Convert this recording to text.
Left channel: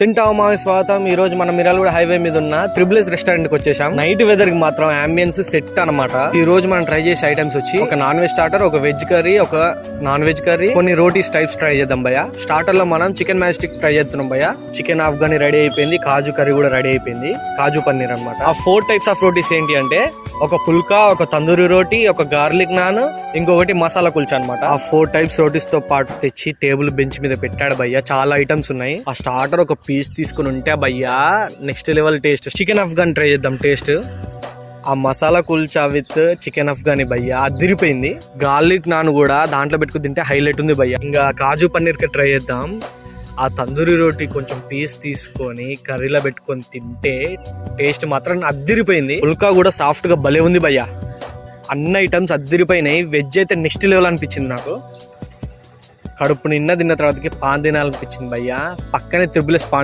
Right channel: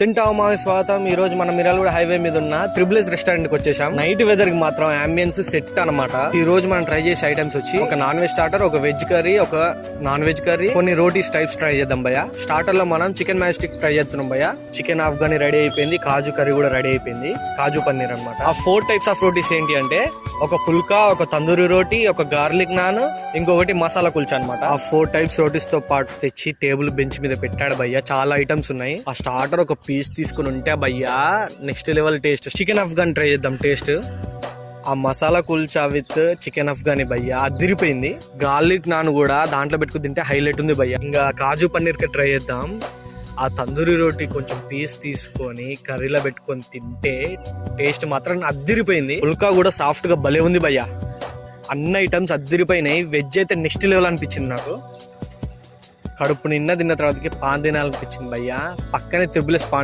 తింటామా స్వాగతం. ఈ రోజు మనం మిర్యాలగూడ హైవే మీద ఉన్న త్రిబుల్స్ రెస్టారెంట్ కి వచ్చేసాం. నైట్ వెదర్ కి మాత్రం అంబియన్స్ సెట్ అన్నమాట. ఈ రోజు మనం ట్రై చేసే ఐటమ్స్ వచ్చి ఒక నాన్ వెజ్ స్టార్టర్, ఒక వెజ్ కర్రీ, ఒక నాన్ వెజ్ కర్రీ, కొన్ని రోటీస్ టైప్స్ ట్రై చేద్దాం భయ్య. స్టార్టర్ లో మనం చికెన్ మ్యాజిస్టిక్ ట్రై చేస్తున్నాం భయ్య. చికెన్ ఆఫ్ఘనీ రెడీ అయిపోయింది, కాజు కర్రీ కూడా రెడీ అయిపోయింది, కాజు పన్నీర్ అన్నమాట. ఆ 4 టైప్స్ ఆఫ్ రోటీస్ ఏంటి అంటే ఒక పుల్కా, ఒక తందూరి రోటీ, ఒక గార్లిక్ నాన్, ఇంకొకటి మసాలా కుల్చా అనమాట. ఆ 4 టైప్స్ రోటీస్ తో పాటు తెచ్చి టేబుల్ బెంచ్ మీద పెట్టాడు భయ్య. చాలా ఐటమ్స్ ఉన్నాయి. ఆ స్టార్టర్ ఒక పీస్ తీసుకుని ఉంటే భయ్యా next level taste. Chicken Afghan try చేద్దాం టేస్ట్. ఆ మసాలా కుల్చా విత్ చికెన్ ఆఫ్ఘనీ భయ్యా అదిరిపోయింది. గార్లిక్ నాన్ కూడా దాంట్లో పెట్టుకుని తింటే హైలైట్ ఉంది భయ్య. ఇంకా కాజు పన్నీర్ కి ట్రై చేద్దాం. ఆ తందూరి రోటీ కొంచెం పీస్ తీసుకొని కర్రీలో పెట్టుకొని తింటే టేస్ట్ మాత్రం అద్దిరిపోయింది. పుల్కా కూడా సాఫ్ట్ గా భలే ఉంది భయ్య. అన్ని ఐటమ్స్ అద్దిరిపోయినాయి. వెజ్ అయితే నెక్స్ట్ లెవెల్ అనిపించింది నాకు. కడుపు నిన్న తిన్న తర్వాతకి పాన్ తినాలనిపించింది భయ్య. పక్కనే త్రిబుల్స్ పాన్